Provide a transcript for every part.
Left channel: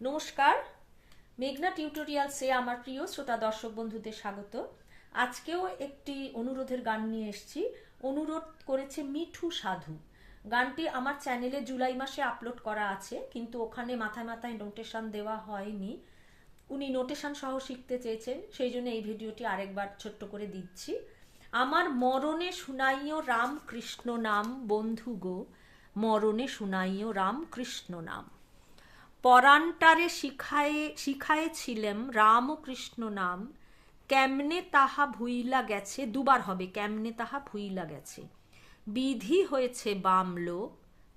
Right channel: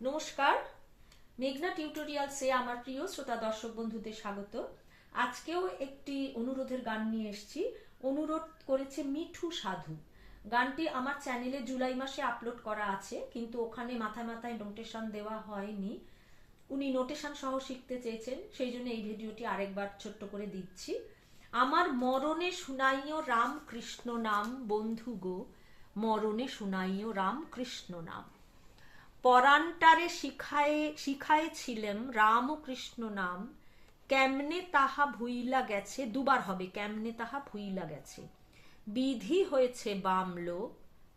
নমস্কার, মেঘনা টিউটোরিয়ালসে আমার প্রিয় শ্রোতা দর্শক বন্ধুদের স্বাগত। আজকেও একটি অনুরোধের গান নিয়ে এসেছি। অনুরোধ করেছে মিঠু সাধু। গানটি আমার চ্যানেলে জুলাই মাসে আপলোড করা আছে, কিন্তু ওখানে মাথায় মাথায় নোটেশন দেওয়া হয়নি। উনি নোটেশন সহ শিখতে চেয়েছেন, সেই জন্য এই ভিডিওটি আরেকবার ছোট্ট করে দিচ্ছি। আমার মরণে শুনাইও রাম কৃষ্ণ নাম, বন্ধু গো মরণে শুনাইও রাম কৃষ্ণ নাম। পরান্টারে শিখায়েছিলেম রাম কৃষ্ণ নাম, কেমনে তাহা ভুইলা গেছে, দুবার হবে কেমনে তাহা ভুইলা গেছে, বিধি হয়েছে বামলো,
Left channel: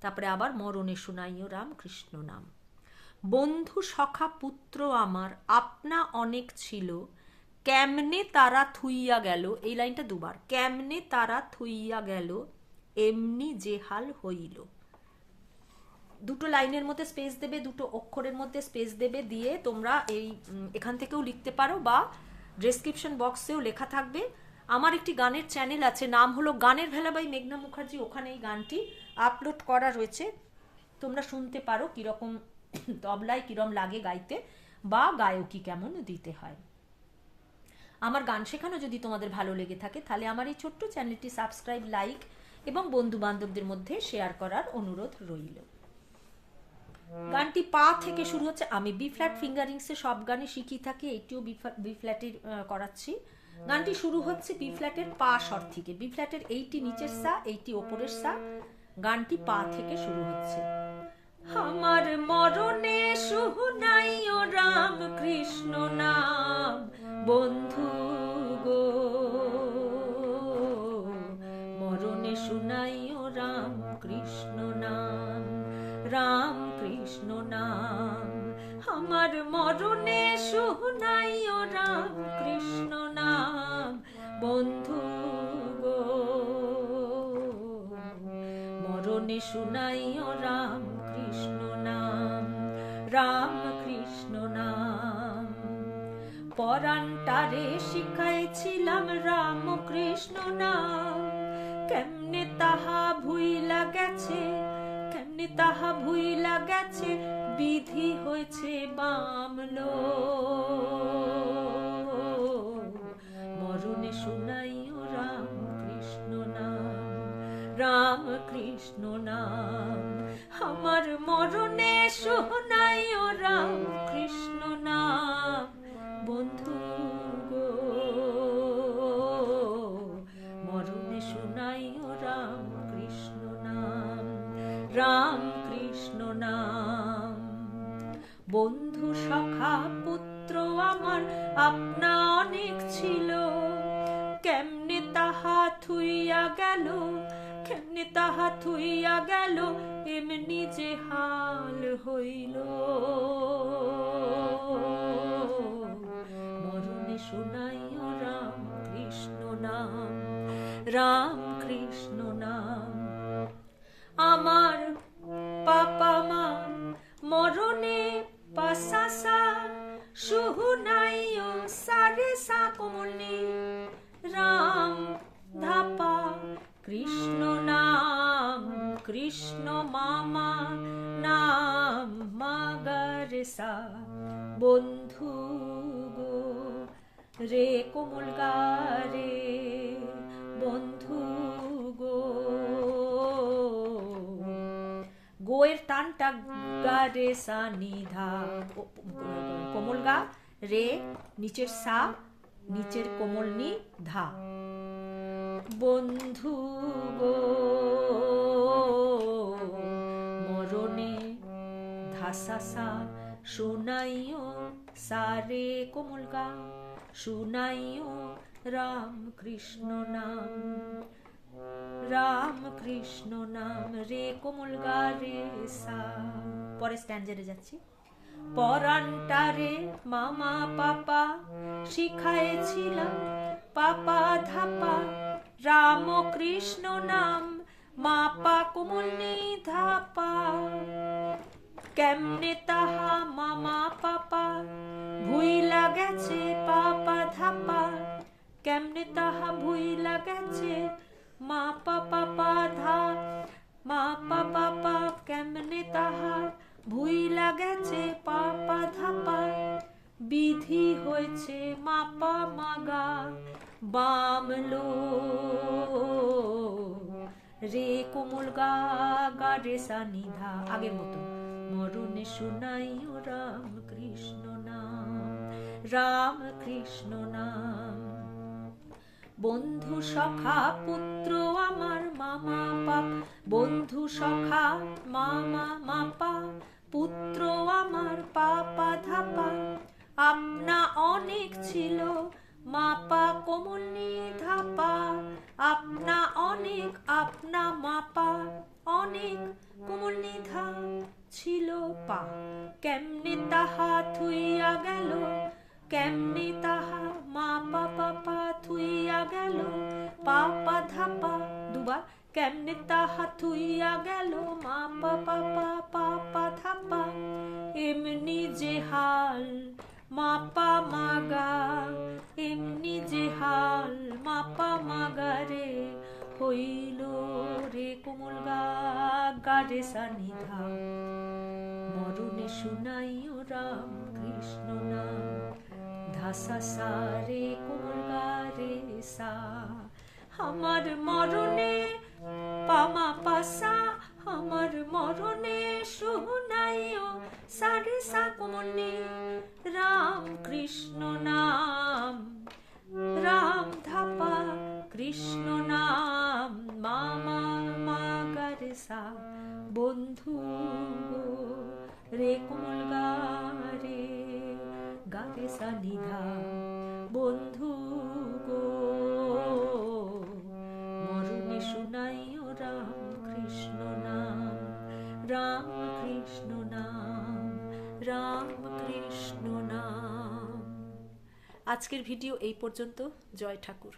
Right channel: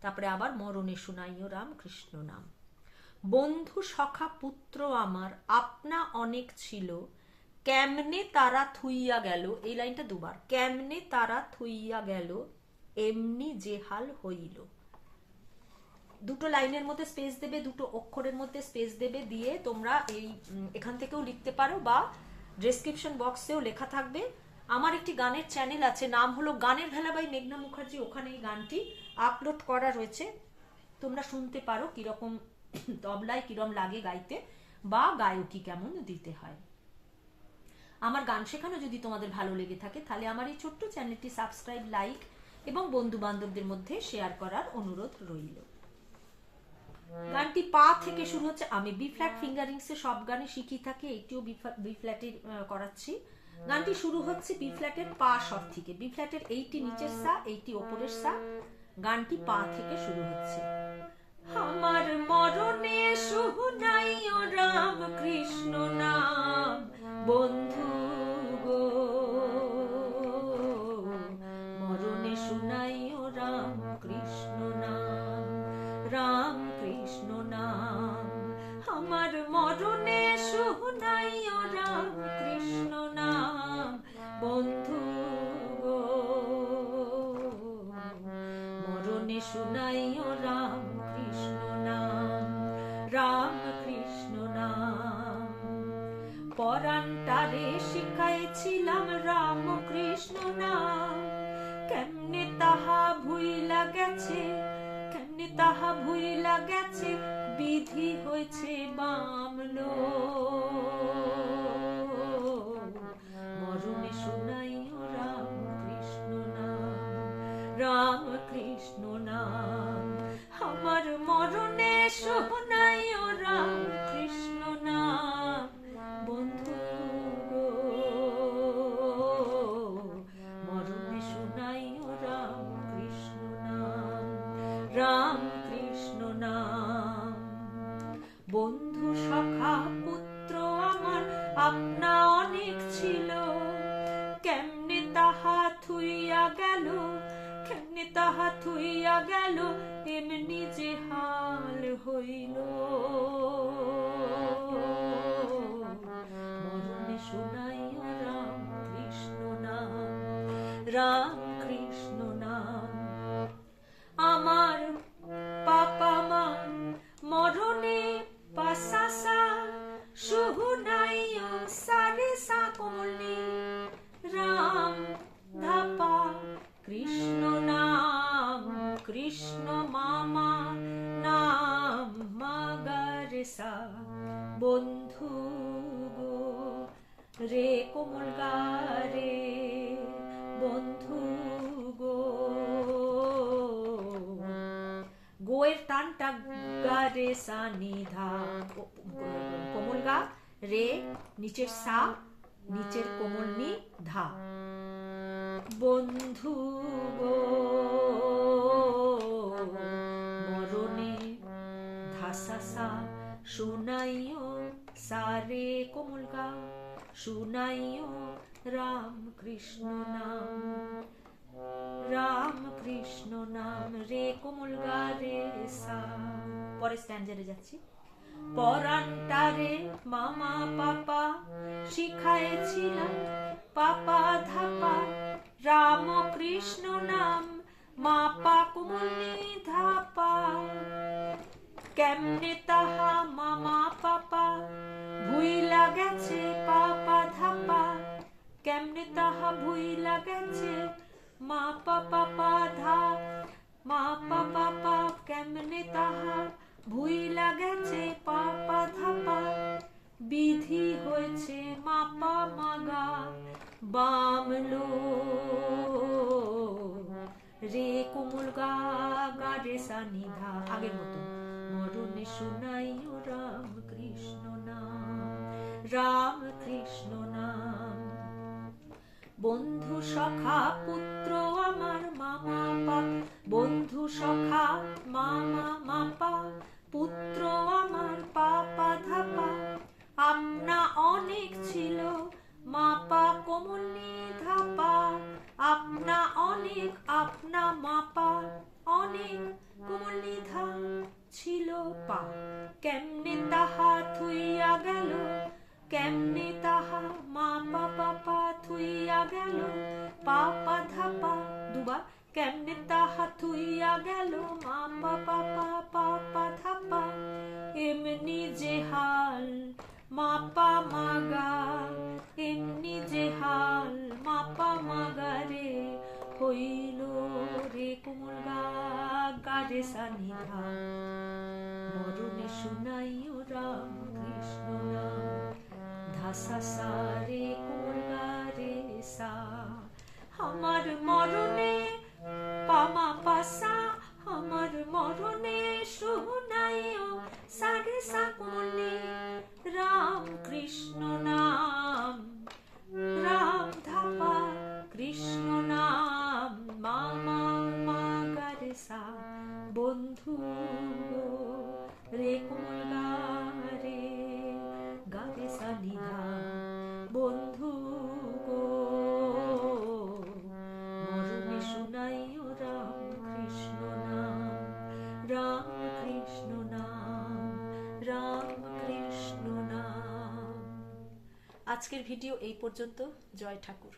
তারপরে আবার মরণে শুনাইও রাম কৃষ্ণ নাম। বন্ধু সখা পুত্র আমার আপনা অনেক ছিল, কেমনে তারা থুইয়া গেল, এই লাইনটা দুবার, কেমনে তারা থুইয়া গেল, এমনি যে হাল হইল। দুটো লাইনের মধ্যে স্পেস দেবে, দুটো অক্ষরের মধ্যে স্পেস দেবে, দিয়ে তোমরা এখান থেকেও লিখতে পারো বা ডেসক্রিপশন বক্সেও লেখা থাকবে। আমার একটি গানের চ্যানেল আছে, নাম হলো গানের ভেলা বাই মেঘনা মুখার্জি, ওখানে এই গানটি আপলোড করা রয়েছে। তোমরা শুনতে পারো কিরকম তবলায় কিরম লাগে গাইতে, বা গায়কি কেমন দিতে হয়। আমার গান শেখানো যদি তোমাদের ভালো লেগে থাকে, তাহলে আমার এই ছোট্ট চ্যানেলটি সাবস্ক্রাইব, লাইক এবং বন্ধু বান্ধবদের মধ্যে শেয়ার করার অনুরোধ রইল। গানটি পা থেকে শুরু হচ্ছে। আমি বি ফ্ল্যাট ফিঙ্গারিংসে সব গানে শিখি থাকি, এইটিও বি ফ্ল্যাটের করাচ্ছি। গানটি শুরু হচ্ছে বি ফ্ল্যাটের পা স্বর থেকে। বি ফ্ল্যাটের এইটি নিচের সা, এইটি ওপরের সা। গানটি পা থেকে শুরু হচ্ছে। আমার মরণে শুনাইও রাম কৃষ্ণ নাম, বন্ধু গো মরণে শুনাইও রাম কৃষ্ণ নাম, রাম কৃষ্ণ নাম। আমার মরণে শুনাইও রাম কৃষ্ণ নাম, বন্ধু গো মরণে শুনাইও রাম কৃষ্ণ নাম, রাম কৃষ্ণ নাম। পরান্টারে শিখাইছিলাম রাম কৃষ্ণ নাম, কেমনে তাহা ভুইলা গেছে, কেমনে তাহা ভুইলা গেছে, বিধি হয়েছে বামলো, মরণে শুনাইও রাম কৃষ্ণ নাম, রাম কৃষ্ণ নাম। আমার মরণে শুনাইও রাম কৃষ্ণ নাম, বন্ধু গো মরণে শুনাইও রাম কৃষ্ণ নাম, রাম কৃষ্ণ নাম। বন্ধু সখা পুত্র আমার আপনা অনেক ছিল, কেমনে তাহা থুইয়া গেল, কেমনে তাহা থুইয়া গেল, এমনি যে হাল হইল, মরণে শুনাইও রাম কৃষ্ণ নাম, রাম কৃষ্ণ নাম। আমার পাপা মা মরণে পাসাসা, শুনাইও সারে সা কোমলনি, রাম ধাপা কৃষ্ণ নাম, কৃষ্ণ মামা নাম মাগারে সা, বন্ধু গো রে কোমল গা রে, বন্ধু গো গোয়ের টানটা গা রে সা নিধা, কোমল গা রে, নিচের সা, নিচের কোমল নি ধা, বন্ধু গো মরণে ধাসা সা, শুনাইও সারে কোমল গা, শুনাইও রাম কৃষ্ণ নাম, রাম কৃষ্ণ নাম, রে কোমল গা রে সা। পরে স্ট্যান্ডারে যাচ্ছি। পরান্টারে মামা পাপা শিখাইছিলাম, পাপা ধাপা রাম কৃষ্ণ নাম, মাপা কোমলনি ধাপা, কেমনে তাহা মামা পাপা ভুইলা গেছে, পাপা ধাপা, কেমনে তাহা ভুইলা গেছে, মা পাপা পা ধা, মা পাপা পা, কেমনে তাহা ভুইলা গেছে, পাপা রাম কৃষ্ণ নাম। বন্ধু সখা পুত্র আমার মামা বাপ, বন্ধু সখা মামা মাপা, পুত্র আমার পাপা ধাপা। আপনা অনেক ছিল মাপা কোমলনি ধাপা, আপনা অনেক আপনা মাপা, অনেক কোমলনি ধা ছিল পা। কেমনে তাহা থুইয়া গেল, কেমনে তাহা মাপা পাপা থুইয়া গেল, পাপা ধাপা দুবার। কেমনে তাহা থুইয়া গেল মাপা পাপা পাপা ধাপা। এমনি যে হাল মাপা মাগা, এমনি যে হাল মাপা মাগা রে, হইল রে কোমল গা গারে সানিধা। মরণে শুনাইও রাম কৃষ্ণ নাম, ধাসা সা রে কোমল গা রে সা। আমার মরণে পামা পাসা, আমার মরণে শুনাইও সারে সা কোমলনি রাম কৃষ্ণ নাম। রাম ধাপা কৃষ্ণ নাম, মামা মাগারে সা। বন্ধু রে কোমল গা রে গারে সা নিধা। বন্ধু গো মরণে শুনাইও রাম কৃষ্ণ নাম, রাম কৃষ্ণ নাম, রাম কৃষ্ণ নাম। আজকের ভিডিও এই পর্যন্ত। জয় ঠাকুর।